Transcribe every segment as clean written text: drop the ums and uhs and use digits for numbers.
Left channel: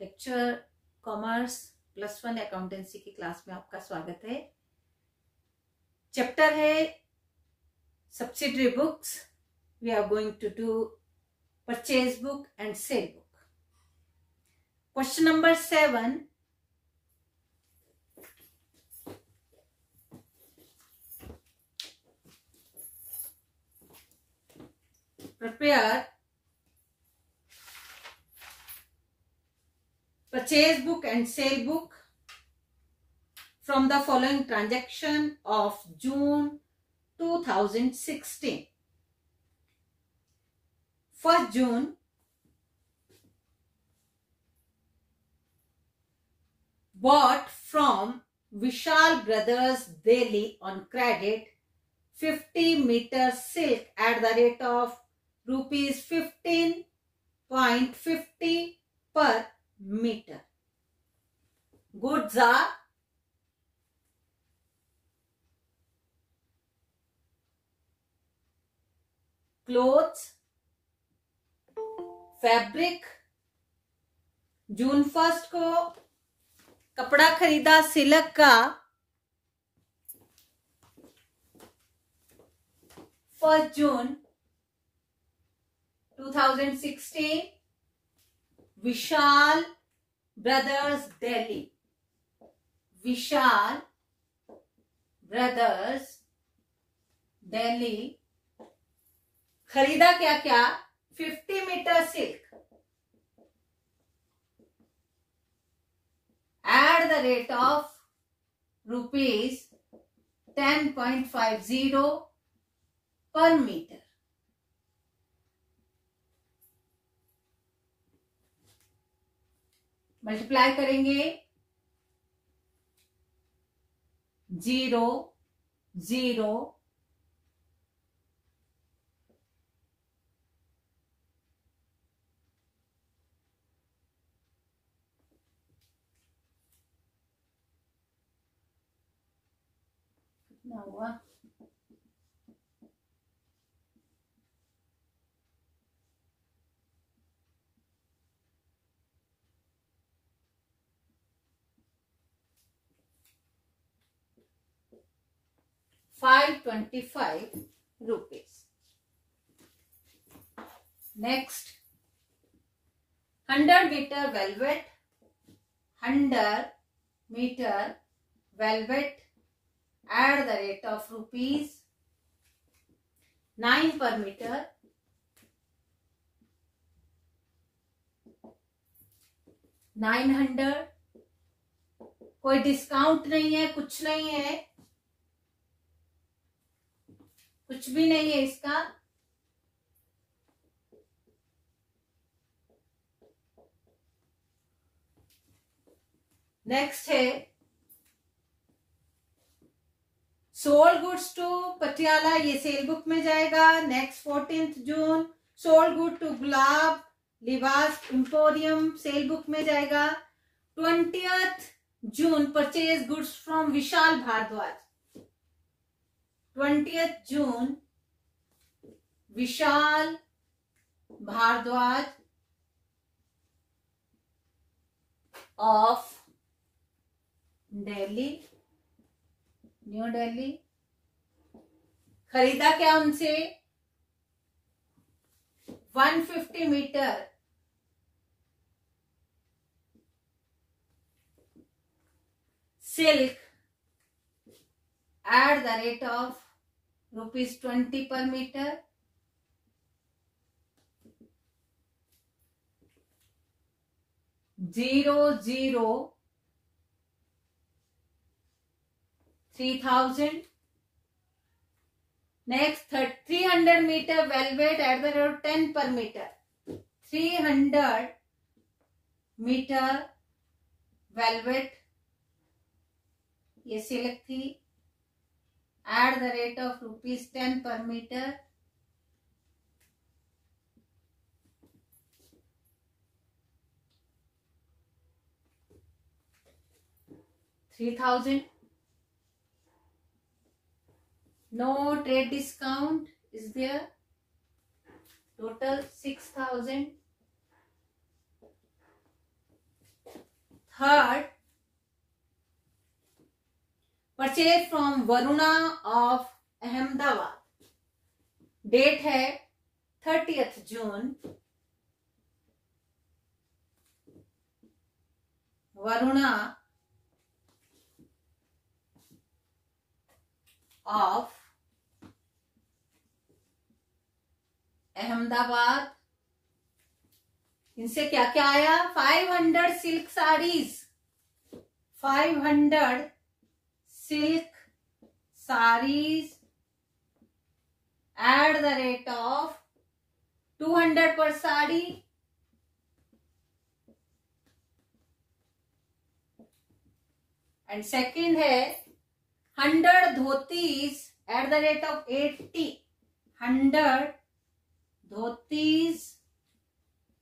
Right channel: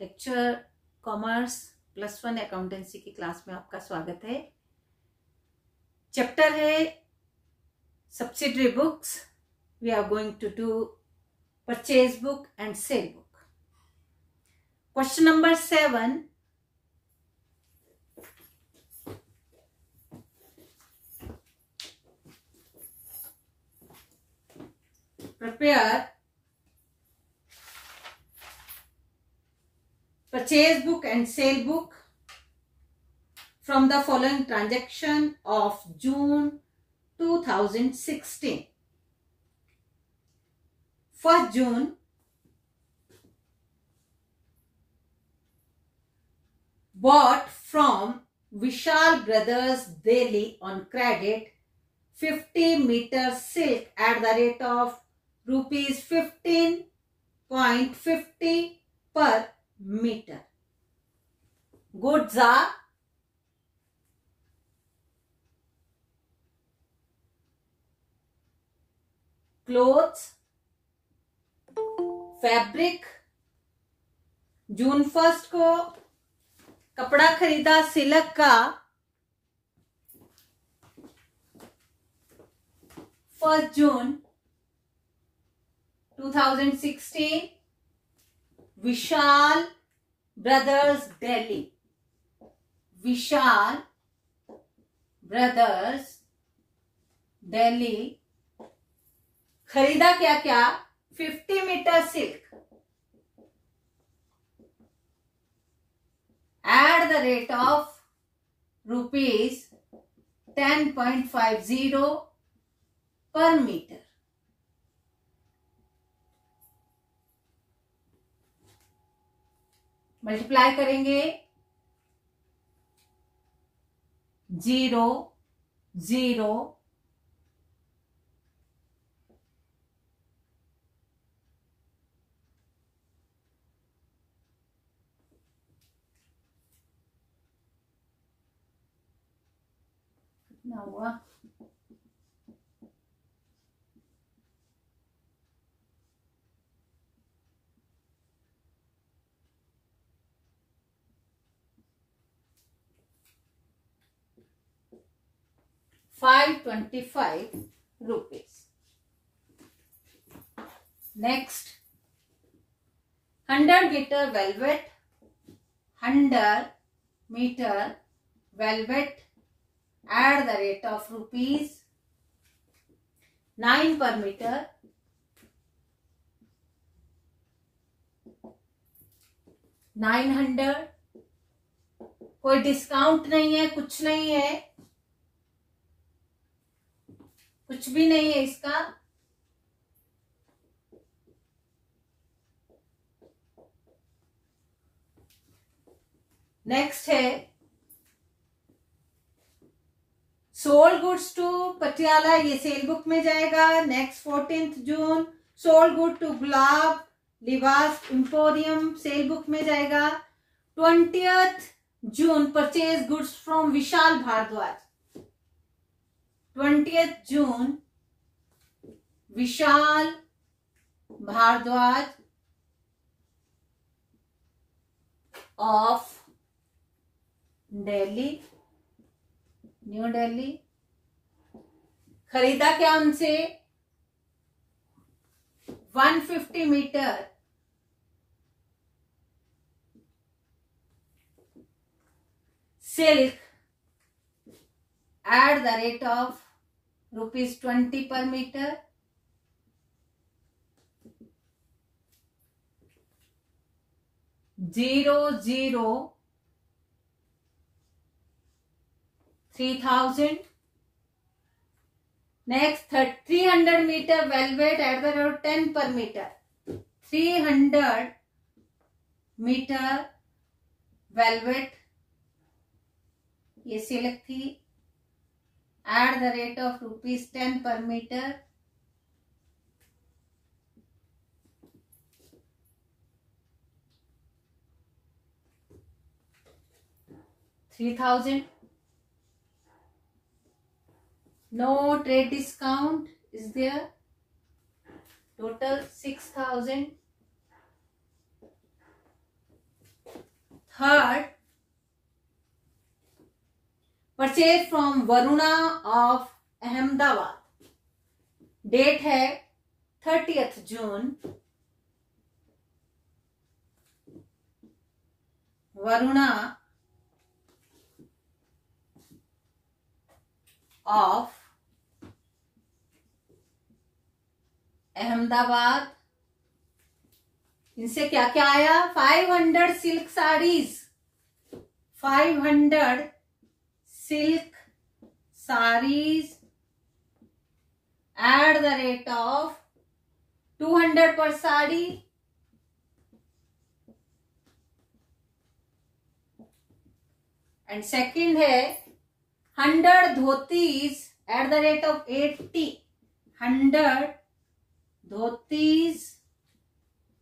Lecture commerce +1 accountancy की class में आपका स्वागत है। चैप्टर है subsidiary books. We are going to do purchase book and sale book. Question number 7, prepare purchase book and sale book from the following transaction of June 2016. 1st June, bought from Vishal Brothers Delhi on credit 50 meter silk at the rate of rupees 15.50 per meter. Goods are clothes, fabric. June 1 को कपड़ा खरीदा silk का। 1st June 2016, Vishal brothers Delhi. Vishal brothers Delhi खरीदा क्या क्या? 50 meter silk at the rate of rupees 10.50 per meter. Multiply करेंगे 0 0 कितना हुआ? 525 rupees. Next, 100 meter velvet, 100 meter velvet at the rate of rupees 9 per meter. 900, कोई डिस्काउंट नहीं है, कुछ नहीं है, कुछ भी नहीं है इसका। नेक्स्ट है सोल्ड गुड्स टू पटियाला, ये सेल बुक में जाएगा। Next 14th June, sold good to Gulab Libas emporium sale book में जाएगा। 20th June, purchase goods from Vishal Bharadwaj. 20th June, Vishal Bharadwaj of Delhi, New Delhi खरीदा क्या उनसे? 150 meter silk at the rate of rupees 20 per meter. 3,000. Next, 300 meter velvet at the rate of 10 per meter. 300 meter velvet, ये silk थी, at the rate of rupees 10 per meter. 3,000. No trade discount is there. Total 6,000. Third purchase from Varuna of Ahmedabad, date है 30th June. Varuna of Ahmedabad, इनसे क्या क्या आया? 500 silk saris, 500 silk saris at the rate of 200 पर sari, and second है 100 dhotis at the rate of 80, 100 dhotis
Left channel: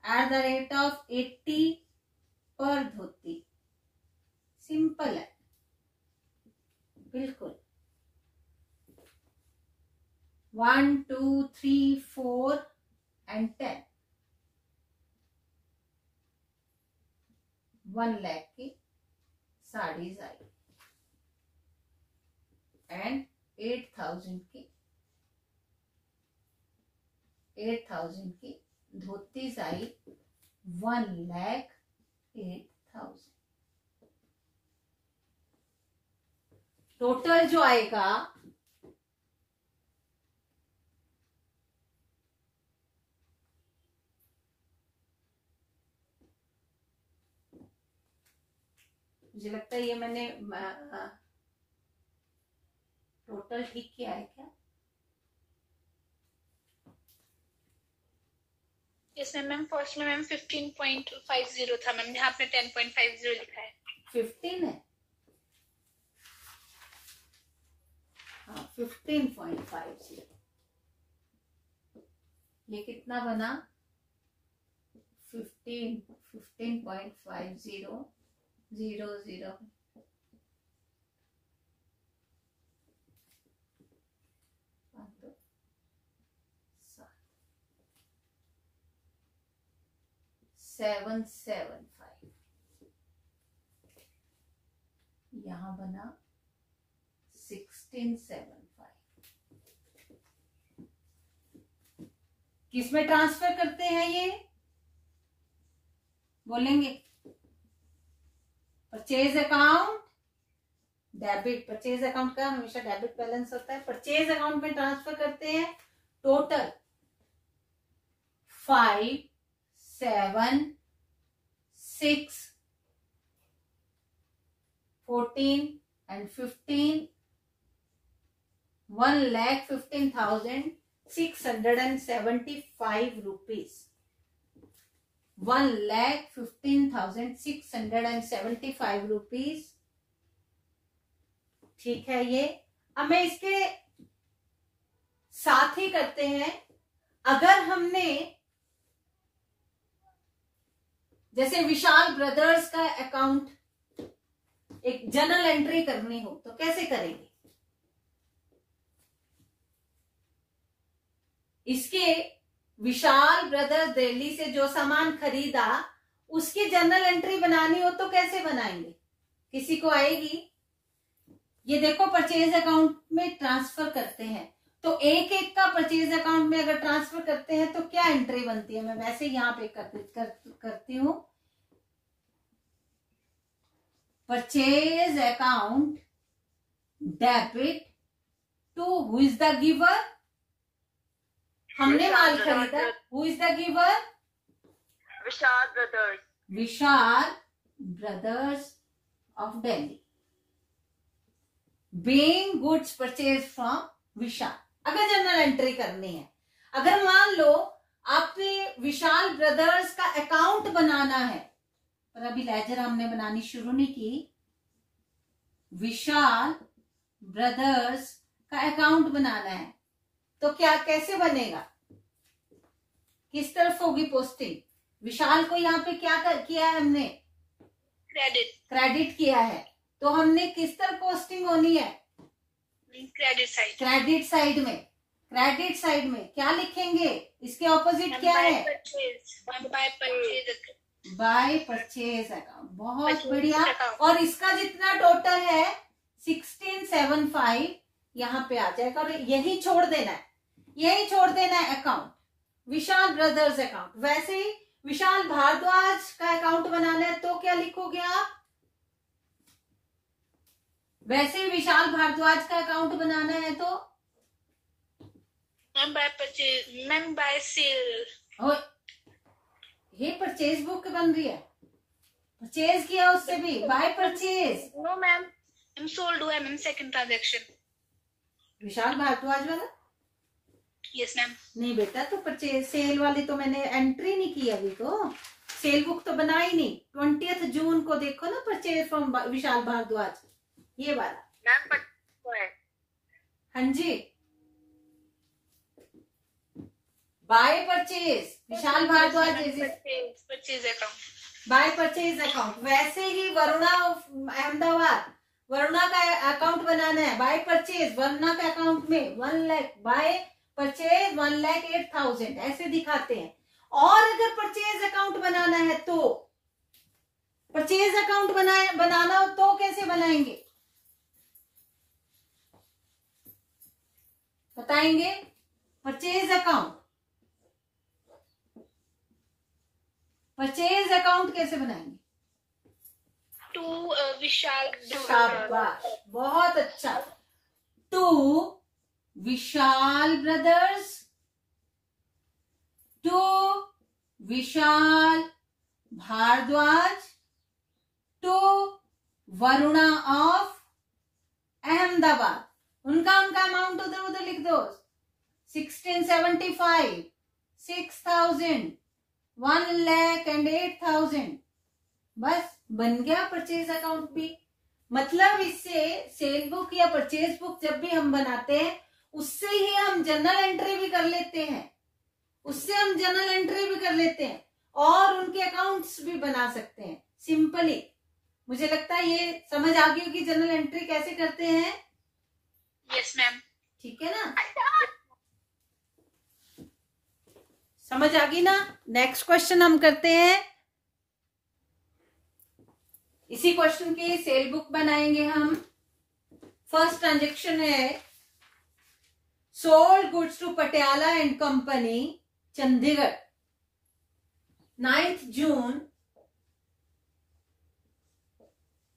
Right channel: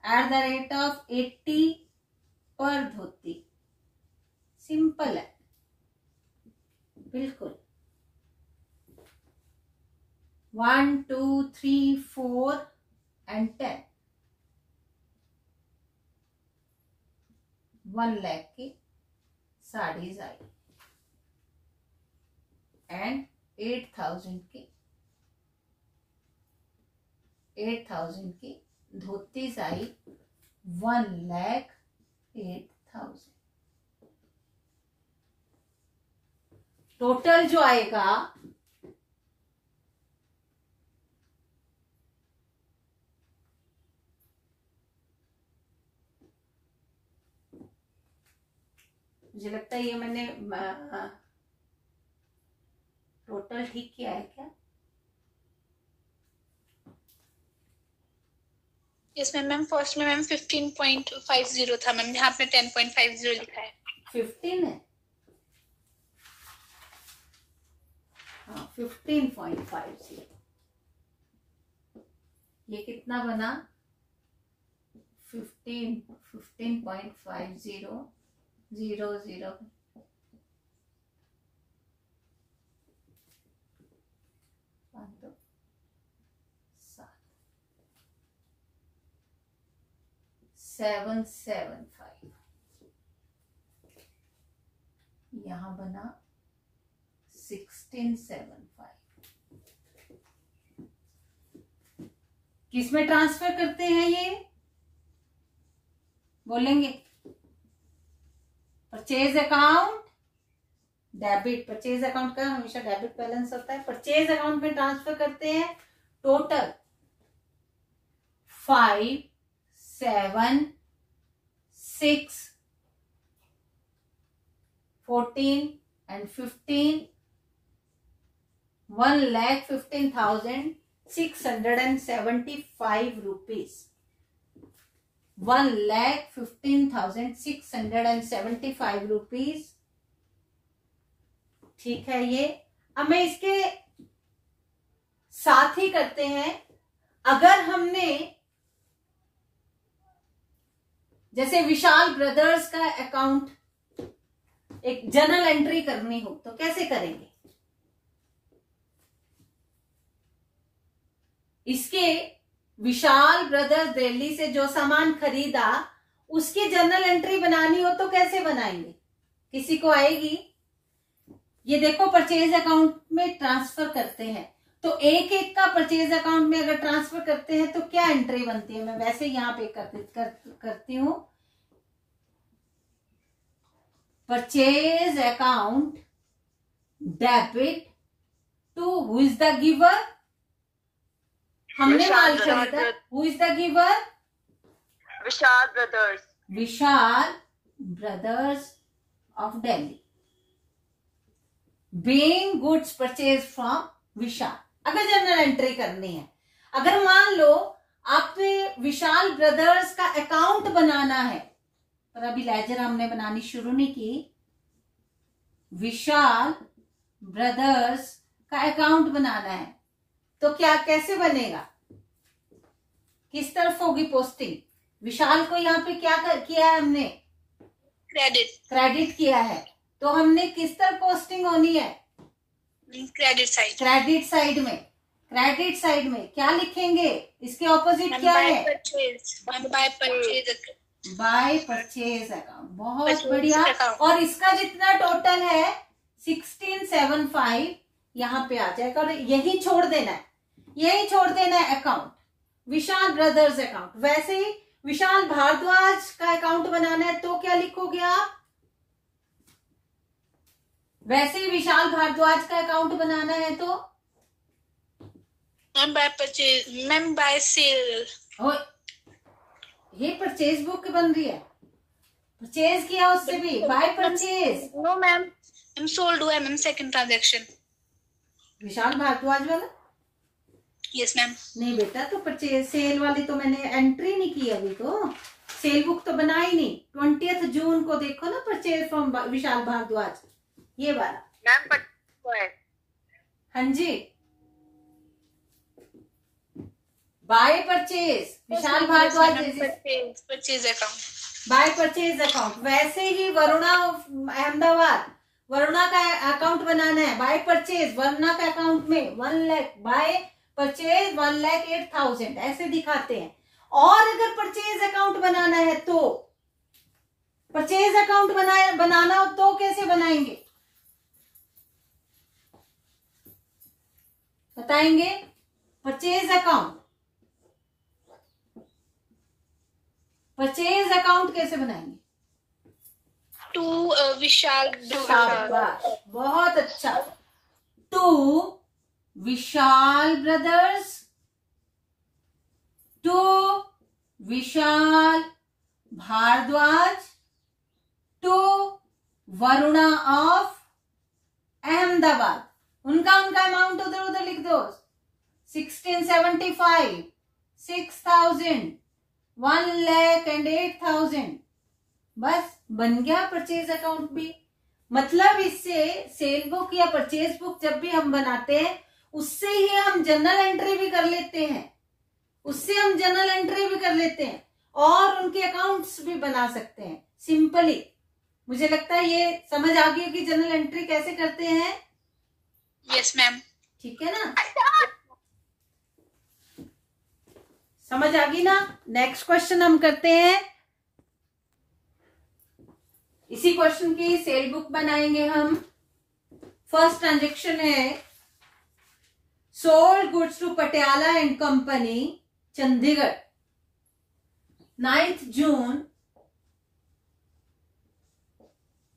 at the rate of 80 पर धोती। Simple है बिल्कुल। 1 2 3 4 and 10, 1 लाख की साड़ीज आई एंड 8,000 की धोतीज आई, 1,08,000। टोटल जो आएगा मुझे लगता है ये मैंने टोटल ठीक किया है क्या? इसमें मैम फर्स्ट में मैम 15.50 था मैम, यहाँ आपने 10.50 लिखा है। 15 है, हाँ 15.50। ये कितना बना? 15.50 0 0 775, यहां बना 1675। किसमें ट्रांसफर करते हैं ये? बोलेंगे purchase account debit, purchase account का हमेशा डेबिट बैलेंस होता है, परचेज अकाउंट में ट्रांसफर करते हैं। Total 5 7 6 14 and 15, 1,15,675 rupees, 1,15,675 rupees। ठीक है ये। अब मैं इसके साथ ही करते हैं, अगर हमने जैसे विशाल ब्रदर्स का अकाउंट एक जर्नल एंट्री करनी हो तो कैसे करेंगे? इसके विशाल ब्रदर्स दिल्ली से जो सामान खरीदा उसकी जर्नल एंट्री बनानी हो तो कैसे बनाएंगे? किसी को आएगी? ये देखो परचेज अकाउंट में ट्रांसफर करते हैं तो एक एक का परचेज अकाउंट में अगर ट्रांसफर करते हैं तो क्या एंट्री बनती है? मैं वैसे यहां पे करती हूं। Purchase account debit to who is the giver, हमने माल खरीदा, who is the giver? Vishal brothers, Vishal brothers of Delhi, being goods purchase from Vishal. अगर जनरल एंट्री करनी है, अगर मान लो आपने विशाल ब्रदर्स का अकाउंट बनाना है, पर अभी लेजर हमने बनानी शुरू नहीं की, विशाल ब्रदर्स का अकाउंट बनाना है तो क्या कैसे बनेगा? किस तरफ होगी पोस्टिंग? विशाल को यहाँ पे क्या किया है हमने? क्रेडिट किया है, तो हमने किस तरफ पोस्टिंग होनी है? Credit side. क्रेडिट साइड में। क्रेडिट साइड में क्या लिखेंगे? इसके ऑपोजिट क्या है? बाय परचेज अकाउंट, बहुत Purchase बढ़िया। account. और इसका जितना टोटल है 1675 यहाँ पे आ जाएगा, और यही छोड़ देना है, यही छोड़ देना है अकाउंट, विशाल ब्रदर्स अकाउंट। वैसे ही विशाल भारद्वाज का अकाउंट बनाना है तो क्या लिखोगे आप? वैसे ही विशाल भारद्वाज का अकाउंट बनाना है तो ma'am by purchase, ma'am by sale. ये परचेज बुक बन रही है, परचेज किया उससे भी, by purchase. No ma'am, ma'am sold हुआ है ma'am, second transaction. Vishal Bhardwaj वाला यस मैम। नहीं बेटा, तो परचेज सेल वाली तो मैंने एंट्री नहीं की अभी, तो सेल बुक तो बनाई नहीं। 20 जून को देखो ना, परचेज फ्रॉम विशाल भारद्वाज, ये वाला। मैम पर है। हाँ जी, by purchase Vishal Bharadwaj, purchase account, by purchase account. वैसे ही वरुणा अहमदाबाद, वरुणा का अकाउंट बनाना है, बाय परचेज वरुणा का अकाउंट में 1 लाख, बाय परचेज 1,08,000 ऐसे दिखाते हैं। और अगर परचेज अकाउंट बनाना है तो, परचेज अकाउंट बनाना हो तो कैसे बनाएंगे बताएंगे? परचेज अकाउंट, परचेज अकाउंट कैसे बनाएंगे? टू विशाल, शाबाश, बहुत अच्छा। To Vishal brothers, to Vishal Bhardwaj, to Varuna of Ahmedabad. उनका अमाउंट उधर उधर लिख दो, 1675, 6,000, 1,08,000, बस बन गया परचेज अकाउंट भी। मतलब इससे सेल बुक या परचेज बुक जब भी हम बनाते हैं, उससे ही हम जर्नल एंट्री भी कर लेते हैं, उससे हम जर्नल एंट्री भी कर लेते हैं और उनके अकाउंट्स भी बना सकते हैं सिंपली। मुझे लगता है ये समझ आ गई होगी जर्नल एंट्री कैसे करते हैं। Yes ma'am. ठीक है ना, समझ आ गई ना। नेक्स्ट क्वेश्चन हम करते हैं, इसी क्वेश्चन की सेल बुक बनाएंगे हम। फर्स्ट ट्रांजेक्शन है, sold goods to Patiala and company Chandigarh, 9th June,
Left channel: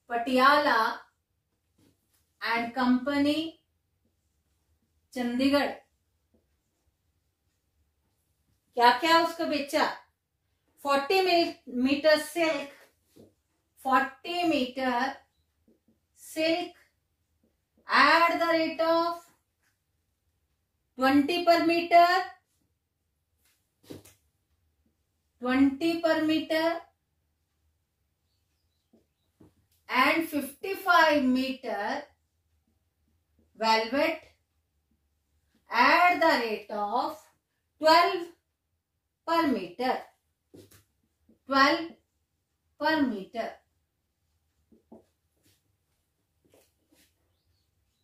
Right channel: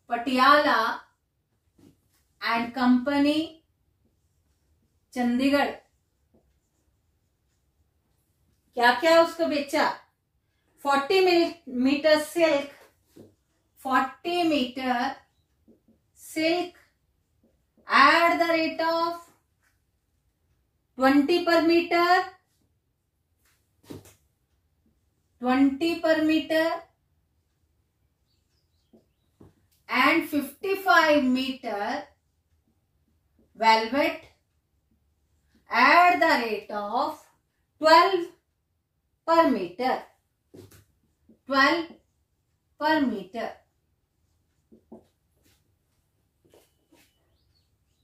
Patiala and company Chandigarh. क्या क्या उसको बेचा? 40 metre silk, 40 metre silk at the rate of 20 per meter, 20 per meter, and 55 meter velvet at the rate of 12 per meter, 12 per meter,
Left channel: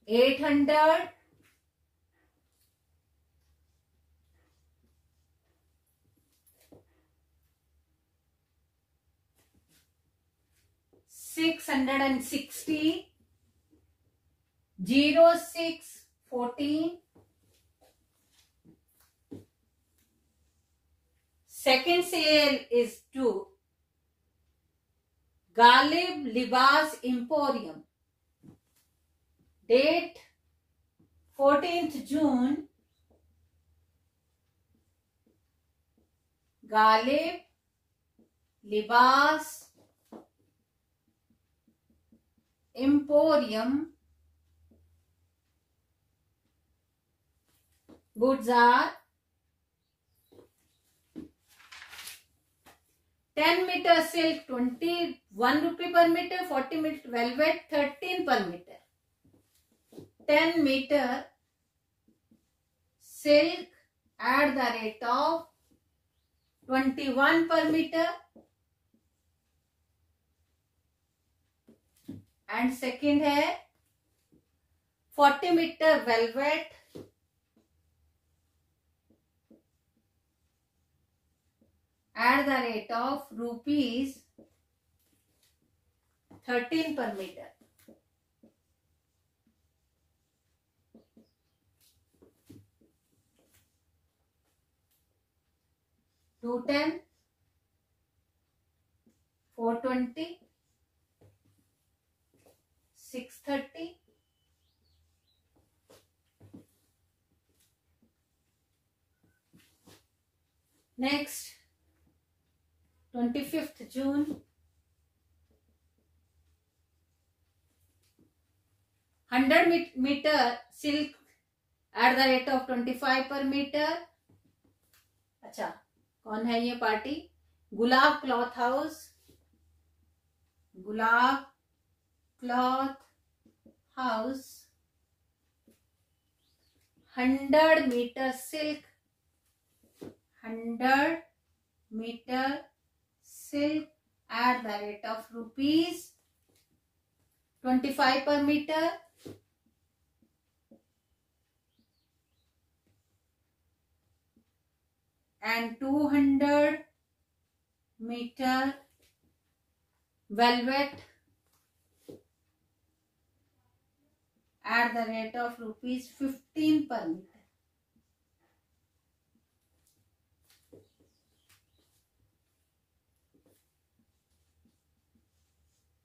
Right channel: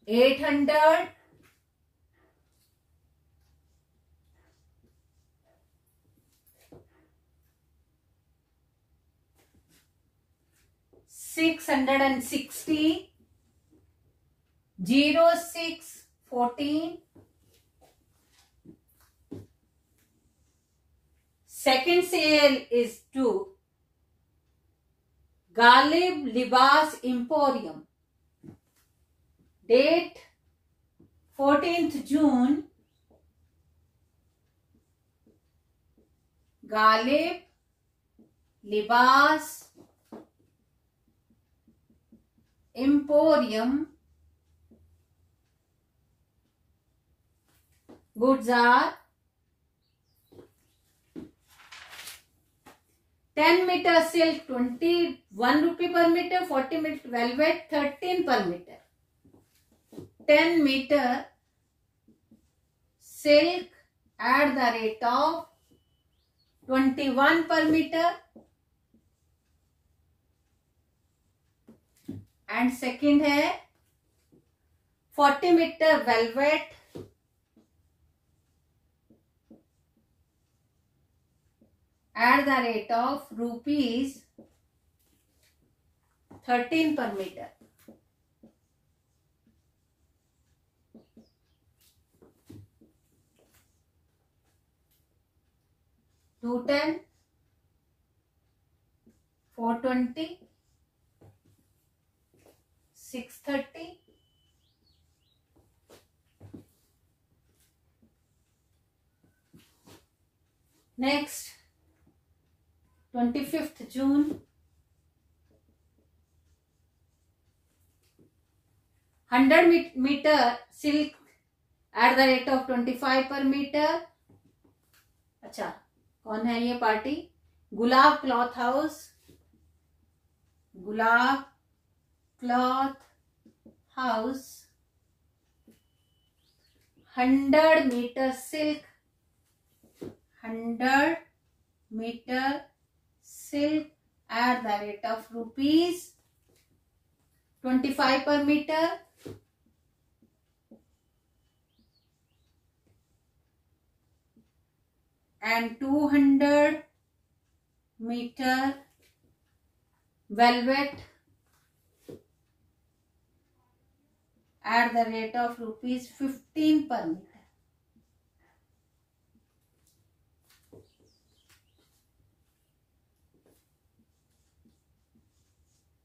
800, 660, 0614. Second sale is to Galib Libas Emporium. Date 14th June. Galib Libas Emporium. Goods are 10 meter silk 21 rupee per meter, 40 meter velvet 13 per meter. 10 meter silk at the rate of 21 per meter. And second है 40 meter velvet at the rate of rupees 13 per meter. $210, $420, $630, next 25th June, 100 meter silk at the rate of 25 per meter. अच्छा, कौन है ये party? Gulab cloth house, gulab cloth house, 100 meter silk, 100 meter silk at the rate of rupees 25 per meter. And 200 meter velvet at the rate of rupees 15 per meter.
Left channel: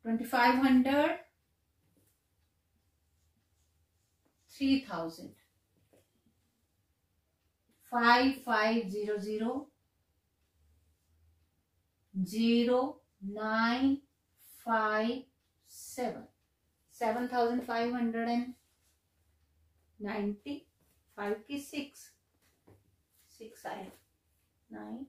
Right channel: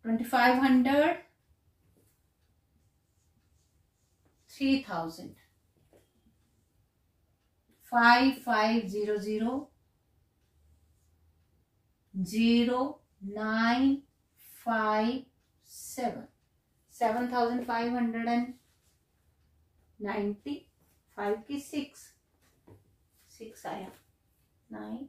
$2,500, $3,000. 5500 0957 7,590. 5 की 6 आया 9.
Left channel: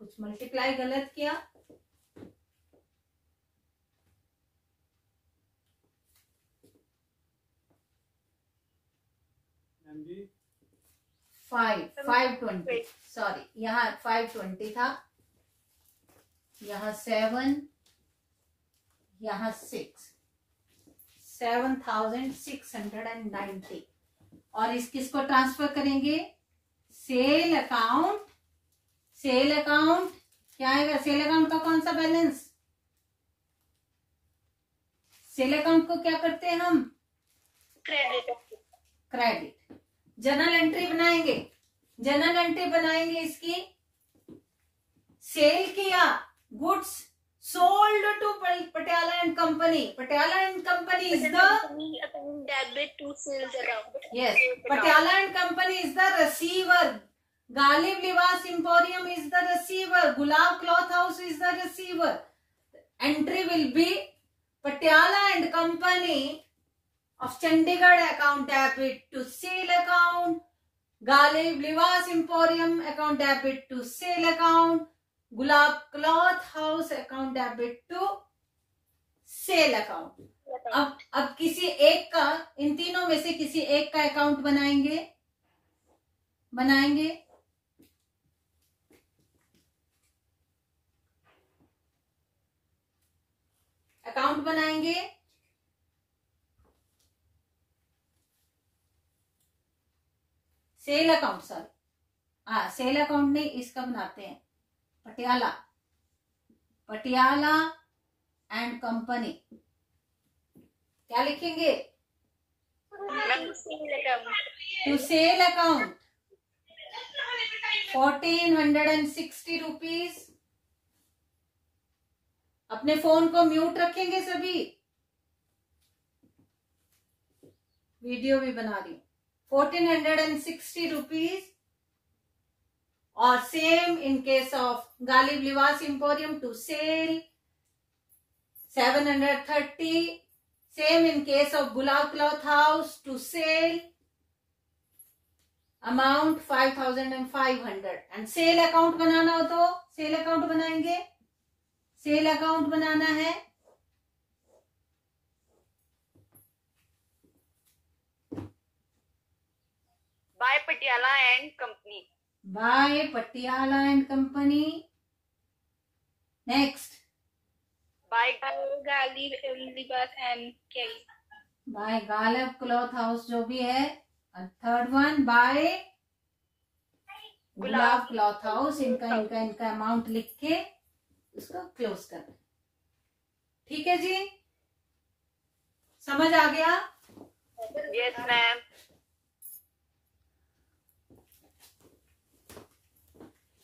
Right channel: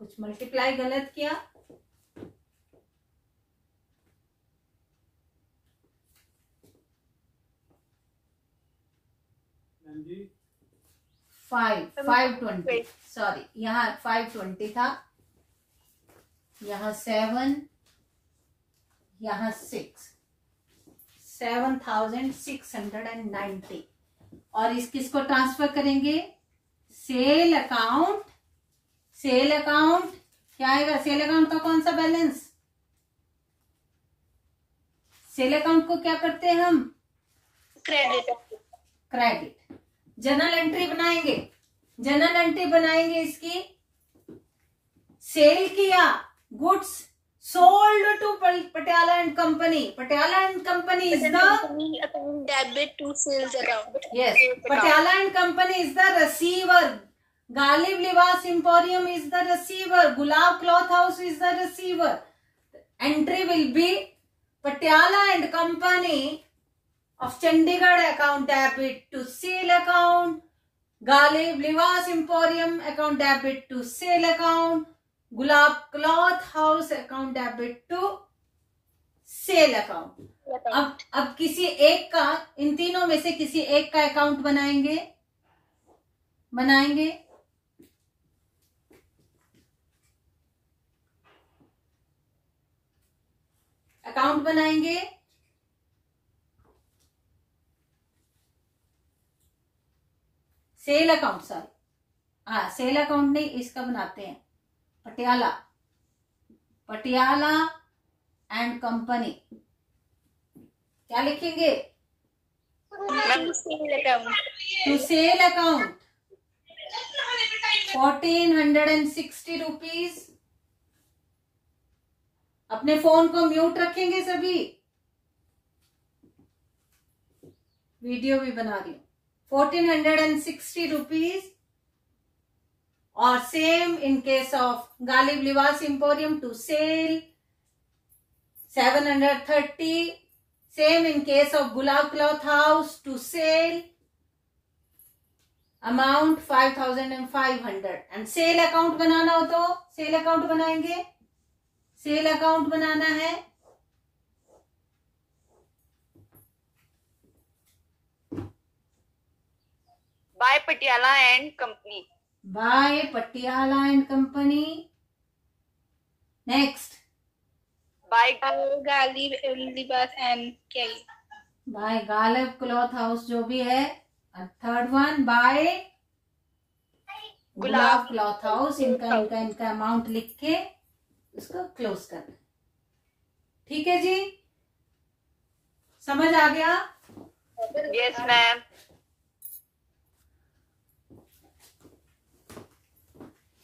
कुछ multiply गलत किया. Five 20, sorry, यहाँ 520 था, यहाँ 7, यहाँ 6, 7,690. और किसको ट्रांसफर करेंगे? Sale account. सेल अकाउंट क्या आएगा? सेल अकाउंट का कौन सा बैलेंस? सेल अकाउंट को क्या करते हैं हम? क्रेडिट. जर्नल एंट्री बनाएंगे. जर्नल एंट्री बनाएंगे इसकी. सेल किया, goods sold to Patiala and company. Patiala and company is the debit to sales account. Yes, Patiala and company is the receiver. Ghalib Libas emporium is the receiver. Gulab cloth house is the receiver. Entry will be Patiala and Company of Chandigarh account debit to sale account. Galib Libas Emporium account debit to sale account. Gulab cloth house account debit to sale account. अब किसी एक का, इन तीनों में से किसी एक का अकाउंट बनाएंगे. अकाउंट बनाएंगे. Sale account, sir, sale account नहीं, इसका बनाते हैं. Patiala and company. क्या लिखेंगे? To sale account 1,460 rupees. अपने फोन को म्यूट रखेंगे सभी. वीडियो भी बना रही हूं. 1,460 रुपीज. और same in case of Ghalib Libas emporium to sale 730. Same in case of Gulab cloth house to sale amount 5,500. And sale account बनाना हो तो सेल अकाउंट बनाएंगे. सेल अकाउंट बनाना है. By Patiala and company. By Patiala and company. Next by Ghalib Libas and क्या ये? Bye Ghalib cloth house जो भी है। Third one by gulab cloth house. इनका अमाउंट लिख के इसको क्लोज कर। ठीक है जी, समझ आ गया? Yes ma'am.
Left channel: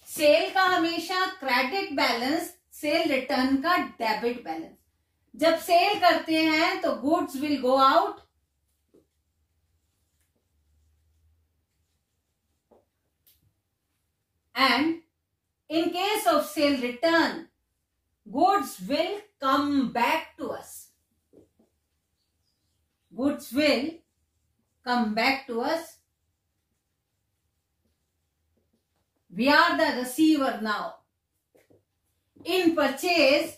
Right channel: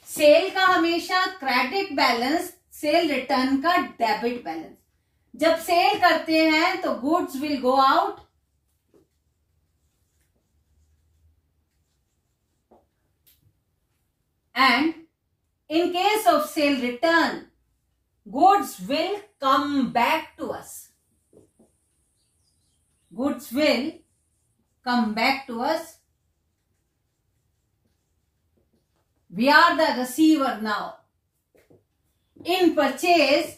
सेल का हमेशा क्रेडिट बैलेंस, सेल रिटर्न का डेबिट बैलेंस। जब सेल करते हैं तो goods will go out and in case of sale return goods will come back to us. Goods will come back to us. We are the receiver now. In purchase,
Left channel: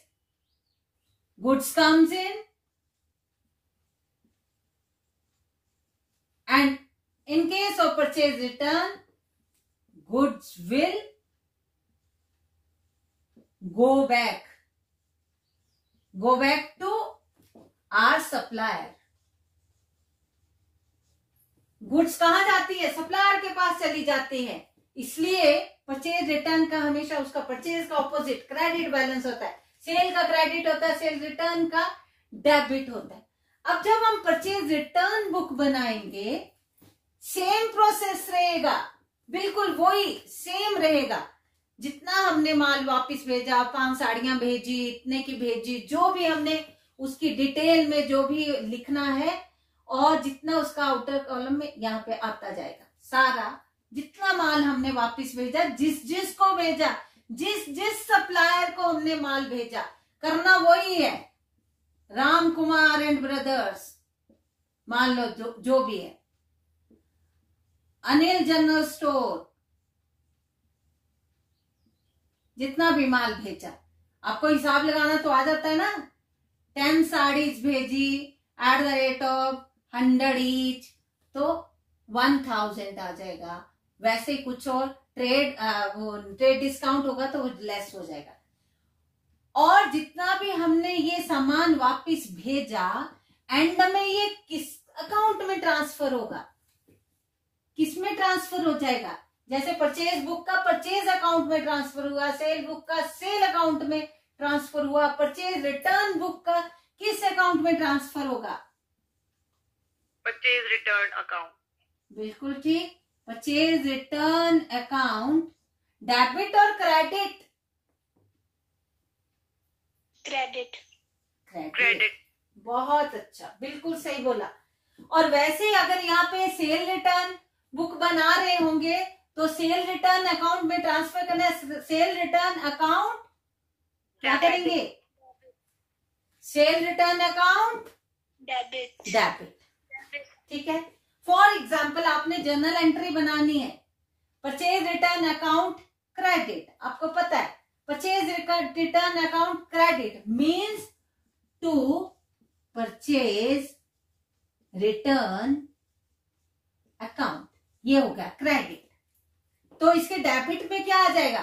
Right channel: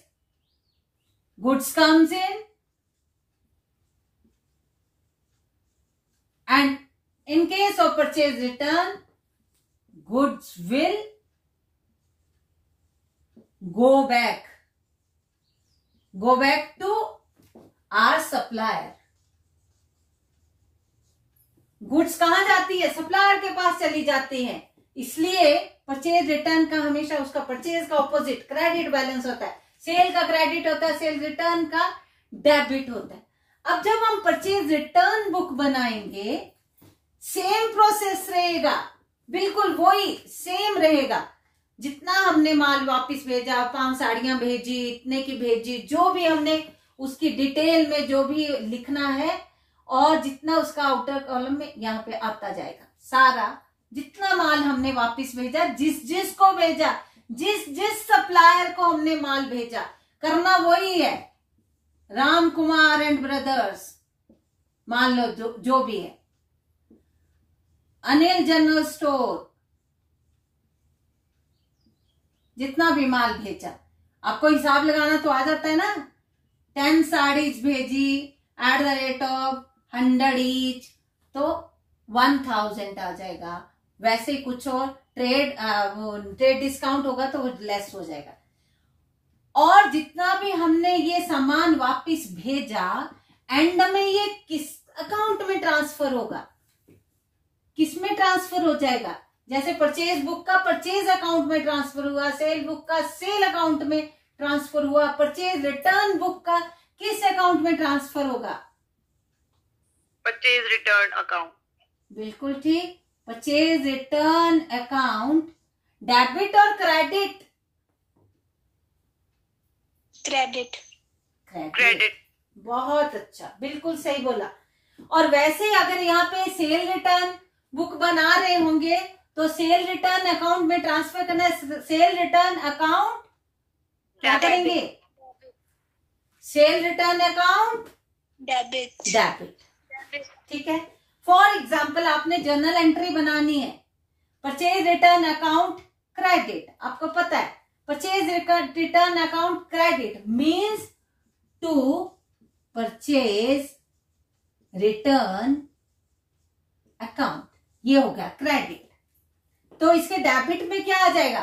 goods comes in and in case of purchase return, goods will go back to our supplier. Goods कहां जाती है? Supplier के पास चली जाती है। इसलिए purchase return का हमेशा उसका परचेज का ऑपोजिट क्रेडिट बैलेंस होता है। सेल का क्रेडिट होता है, सेल रिटर्न का डेबिट होता है। अब जब हम परचेज रिटर्न बुक बनाएंगे, सेम प्रोसेस रहेगा, बिल्कुल वही सेम रहेगा। जितना हमने माल वापस भेजा, 5 साड़ियां भेजी, इतने की भेजी, जो भी हमने उसकी डिटेल में जो भी लिखना है और जितना उसका आउटर कॉलम में यहाँ पे आता जाएगा। सारा जितना माल हमने वापस भेजा, जिस को भेजा, जिस सप्लायर को हमने माल भेजा, करना वही है। राम कुमार एंड ब्रदर्स मान लो जो भी है, अनिल जनरल स्टोर, जितना भी माल भेजा, आपको हिसाब लगाना तो आ जाता है ना। 10 साड़ीज भेजी @100 ईच, तो 1000 आ जाएगा। वैसे ही कुछ और ट्रेड डिस्काउंट होगा तो लेस हो जाएगा। और जितना भी हमने ये सामान वापस भेजा, एंड में ये किस अकाउंट में ट्रांसफर होगा, किस में ट्रांसफर हो जाएगा? जैसे परचेज बुक का परचेज अकाउंट में ट्रांसफर हुआ, सेल बुक का सेल अकाउंट में ट्रांसफर हुआ, परचेज रिटर्न बुक का किस अकाउंट में ट्रांसफर होगा? Purchase return account. बिल्कुल ठीक। परचेज रिटर्न अकाउंट डेबिट और क्रेडिट? क्रेडिट। बहुत अच्छा, बिल्कुल सही बोला। और वैसे ही अगर यहाँ पे सेल रिटर्न बुक बना रहे होंगे तो सेल रिटर्न अकाउंट में ट्रांसफर करना है। सेल रिटर्न अकाउंट क्या करेंगे? Sale return account debit. ठीक है। फॉर एग्जाम्पल आपने जर्नल एंट्री बनानी है, परचेज रिटर्न अकाउंट क्रेडिट, आपको पता है purchase return account credit means to purchase return account, ये हो गया क्रेडिट। तो इसके डेबिट में क्या आ जाएगा?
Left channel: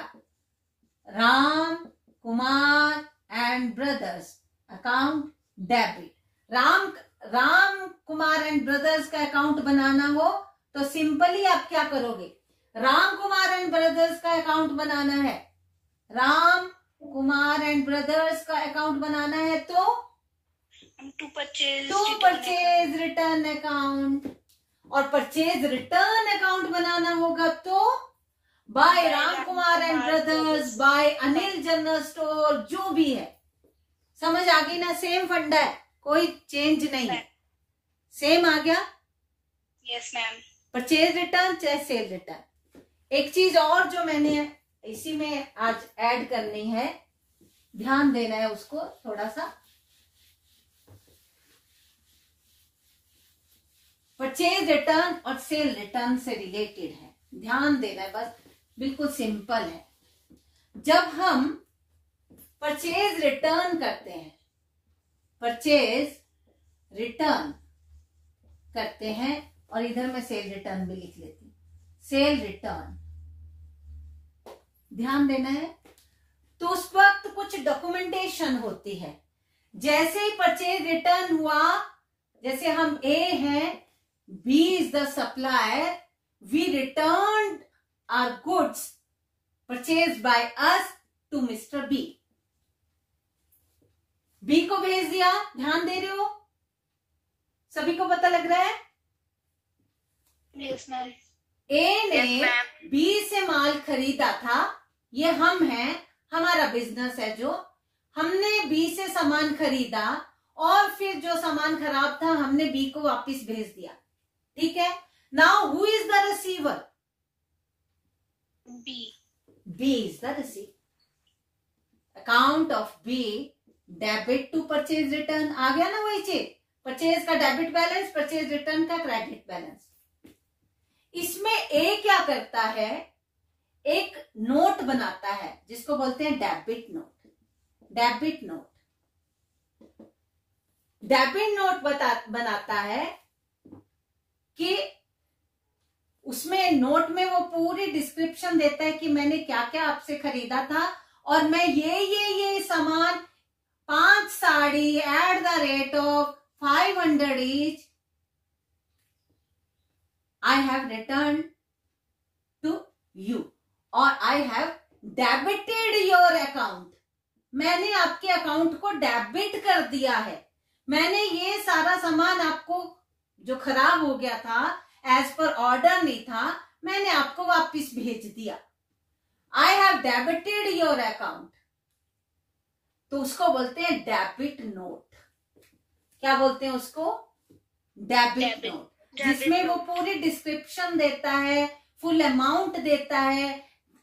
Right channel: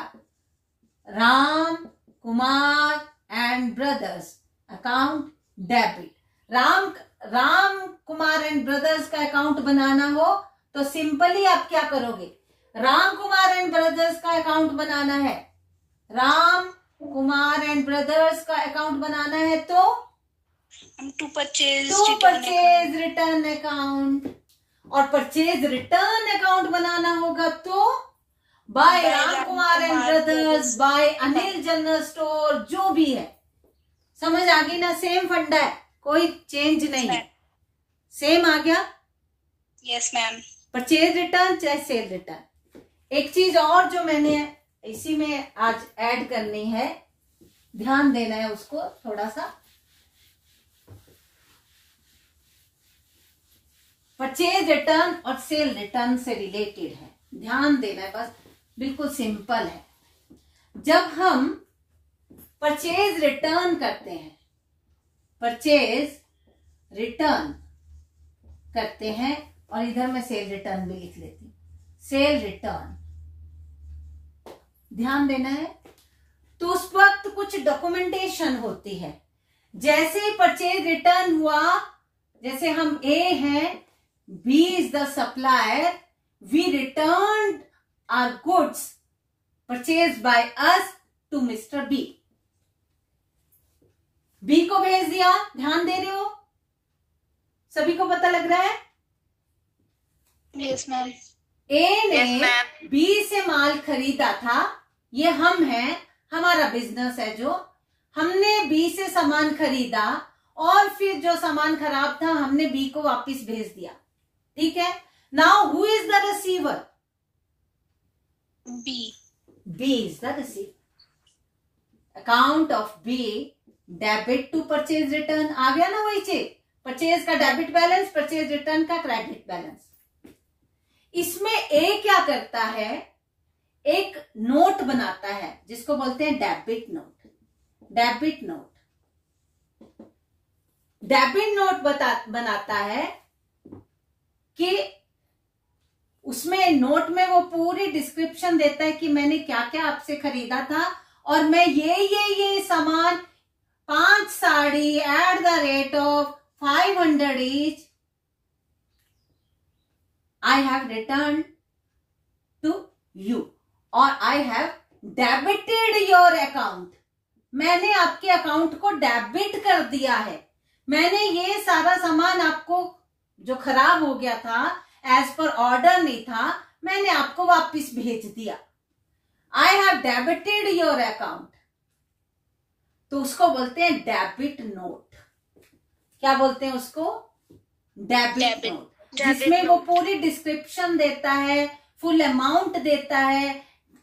Ram Kumar and brothers account debit. Ram Kumar and brothers का अकाउंट बनाना हो तो सिंपली आप क्या करोगे? राम कुमार एंड ब्रदर्स का अकाउंट बनाना है, राम कुमार एंड ब्रदर्स का अकाउंट बनाना है तो टू परचेज रिटर्न अकाउंट। और परचेज रिटर्न अकाउंट बनाना होगा तो by Ram Kumar and brothers, by Anil general store, जो भी है। समझ आ गई ना? सेम फंडा है, कोई चेंज नहीं है, सेम आ गया। Yes ma'am. परचेज रिटर्न चाहे सेल रिटर्न। एक चीज और जो मैंने इसी में आज ऐड करनी है, ध्यान देना है उसको थोड़ा सा। परचेज रिटर्न और सेल रिटर्न से रिलेटेड है, ध्यान देना है बस, बिल्कुल सिंपल है। जब हम परचेज रिटर्न करते हैं, परचेज रिटर्न करते हैं, और इधर मैं सेल रिटर्न भी लिख लेती हूँ, सेल रिटर्न, ध्यान देना है। तो उस वक्त कुछ डॉक्यूमेंटेशन होती है, जैसे ही परचेज रिटर्न हुआ, जैसे हम ए हैं, B is the supplier, we return our goods purchase by us to mister B. B को भेज दिया, ध्यान दे रहे हो? सभी को पता लग रहा है? Yes ma'am. ए ने Yes, ma'am. बी से माल खरीदा था, ये हम हैं, हमारा बिजनेस है जो, हमने बी से सामान खरीदा और फिर जो सामान खराब था हमने बी को वापस भेज दिया। ठीक है, now who is the receiver? B. B is the receiver. Account of B debit to purchase return, आ गया ना वही चीज, परचेज का डेबिट बैलेंस, परचेज रिटर्न का क्रेडिट बैलेंस। इसमें ए क्या करता है, एक नोट बनाता है जिसको बोलते हैं debit note. Debit note, debit note बनाता है कि उसमें नोट में वो पूरी डिस्क्रिप्शन देता है कि मैंने क्या क्या आपसे खरीदा था और मैं ये सामान 5 sari at the rate of 500 each I have returned to you or I have debited your account. मैंने आपके अकाउंट को डेबिट कर दिया है। मैंने ये सारा सामान आपको जो खराब हो गया था, एज पर ऑर्डर नहीं था, मैंने आपको वापस भेज दिया। I have debited your account. तो उसको बोलते हैं डेबिट नोट। क्या बोलते हैं उसको? डेबिट नोट, जिसमें वो पूरी डिस्क्रिप्शन देता है, फुल अमाउंट देता है,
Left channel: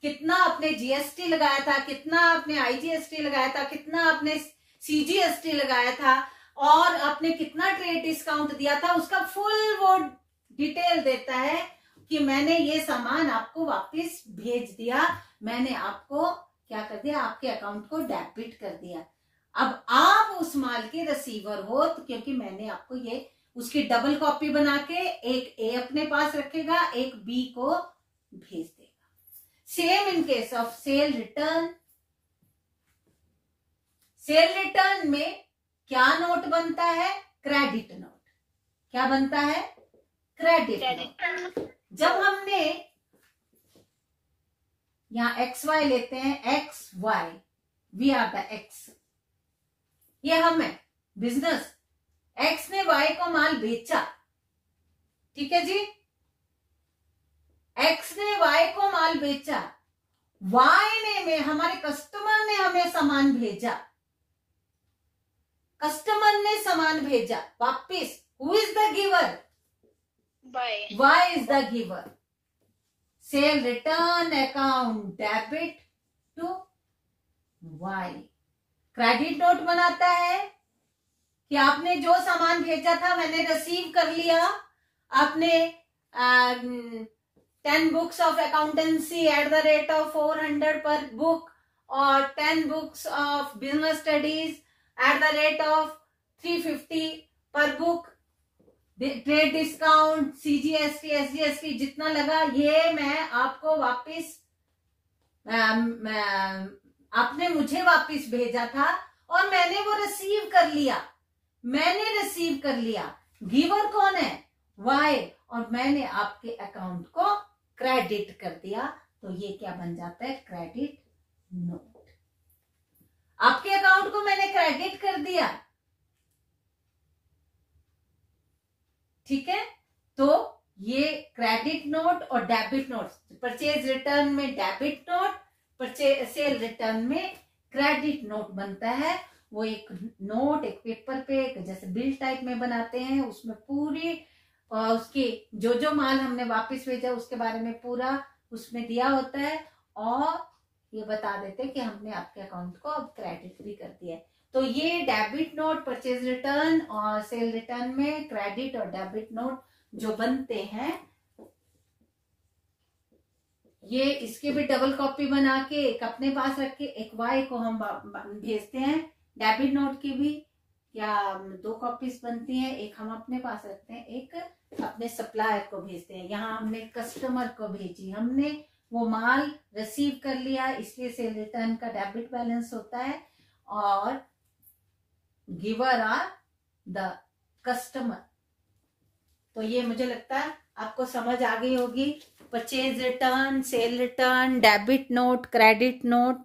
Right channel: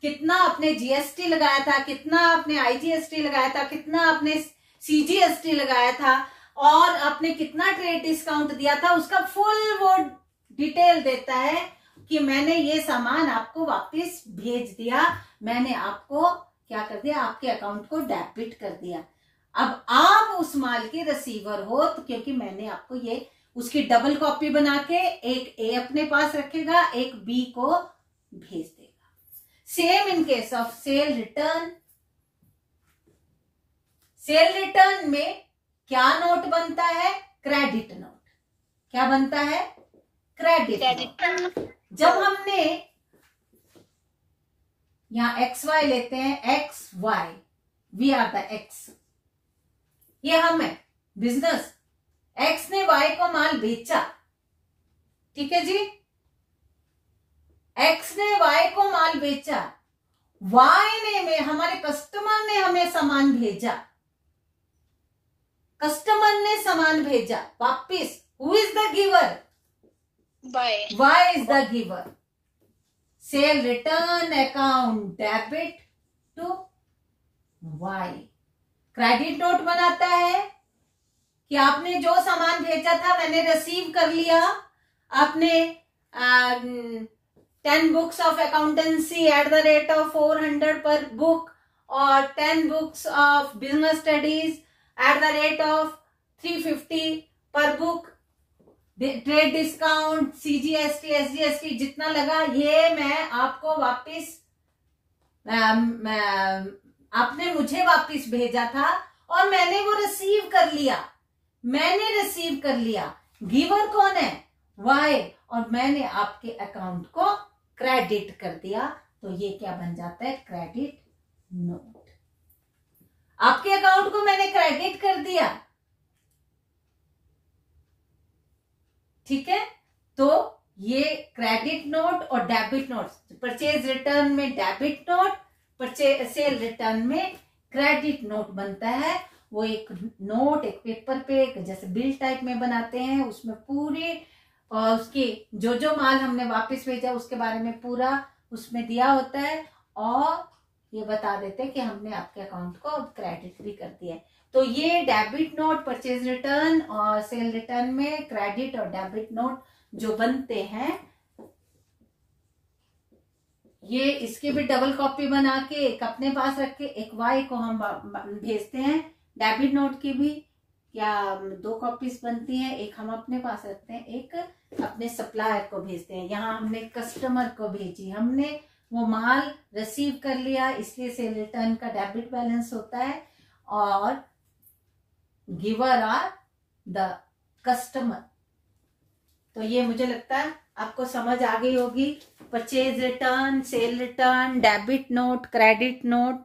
कितना आपने जीएसटी लगाया था, कितना आपने आईजीएसटी लगाया था, कितना आपने सीजीएसटी लगाया था और आपने कितना ट्रेड डिस्काउंट दिया था, उसका फुल वो डिटेल देता है कि मैंने ये सामान आपको वापस भेज दिया, मैंने आपको क्या कर दिया, आपके अकाउंट को डेबिट कर दिया। अब आप उस माल के रिसीवर हो, तो क्योंकि मैंने आपको ये, उसकी डबल कॉपी बना के एक ए अपने पास रखेगा, एक बी को भेज देगा। Same in case of sale return. Sale return में क्या नोट बनता है? Credit note. क्या बनता है? Credit note. जब हमने यहां एक्स वाई लेते हैं, X Y, we are the X, ये हम है बिजनेस। एक्स ने वाई को माल बेचा, ठीक है जी, एक्स ने वाई को माल बेचा, वाई ने में हमारे कस्टमर ने हमें सामान भेजा, कस्टमर ने सामान भेजा वापिस। Who is the giver? Y is the giver. Sale return account debit to Y. Credit note बनाता है कि आपने जो सामान भेजा था मैंने रिसीव कर लिया, आपने 10 books of accountancy at the rate of 400 पर बुक और 10 books of business studies at the rate of 350 पर book, trade discount, CGST, SGST जितना लगा, ये मैं आपको वापस, आपने मुझे वापस भेजा था और मैंने वो रिसीव कर लिया, मैंने रिसीव कर लिया। गिवर कौन है? वाई। और मैंने आपके अकाउंट को क्रेडिट कर दिया, तो ये क्या बन जाता है? Credit note. आपके अकाउंट को मैंने क्रेडिट कर दिया, ठीक है। तो ये क्रेडिट नोट और डेबिट नोट, परचेज रिटर्न में debit note, purchase sale return में क्रेडिट नोट बनता है। वो एक नोट, एक पेपर पे जैसे बिल टाइप में बनाते हैं, उसमें पूरी उसकी जो माल हमने वापस भेजा उसके बारे में पूरा उसमें दिया होता है और ये बता देते हैं कि हमने आपके अकाउंट को अब क्रेडिट भी कर दिया है। तो ये डेबिट नोट, परचेज रिटर्न और सेल रिटर्न में क्रेडिट और डेबिट नोट जो बनते हैं, ये इसके भी डबल कॉपी बना के एक अपने पास रख के एक वाई को हम भेजते हैं। डेबिट नोट की भी या 2 कॉपीज बनती हैं, एक हम अपने पास रखते हैं, एक अपने सप्लायर को भेजते हैं। यहाँ हमने कस्टमर को भेजी, हमने वो माल रिसीव कर लिया, इसलिए सेल रिटर्न का डेबिट बैलेंस होता है और गिवर आर द कस्टमर। तो ये मुझे लगता है आपको समझ आ गई होगी। Purchase return, sale return, debit note, credit note,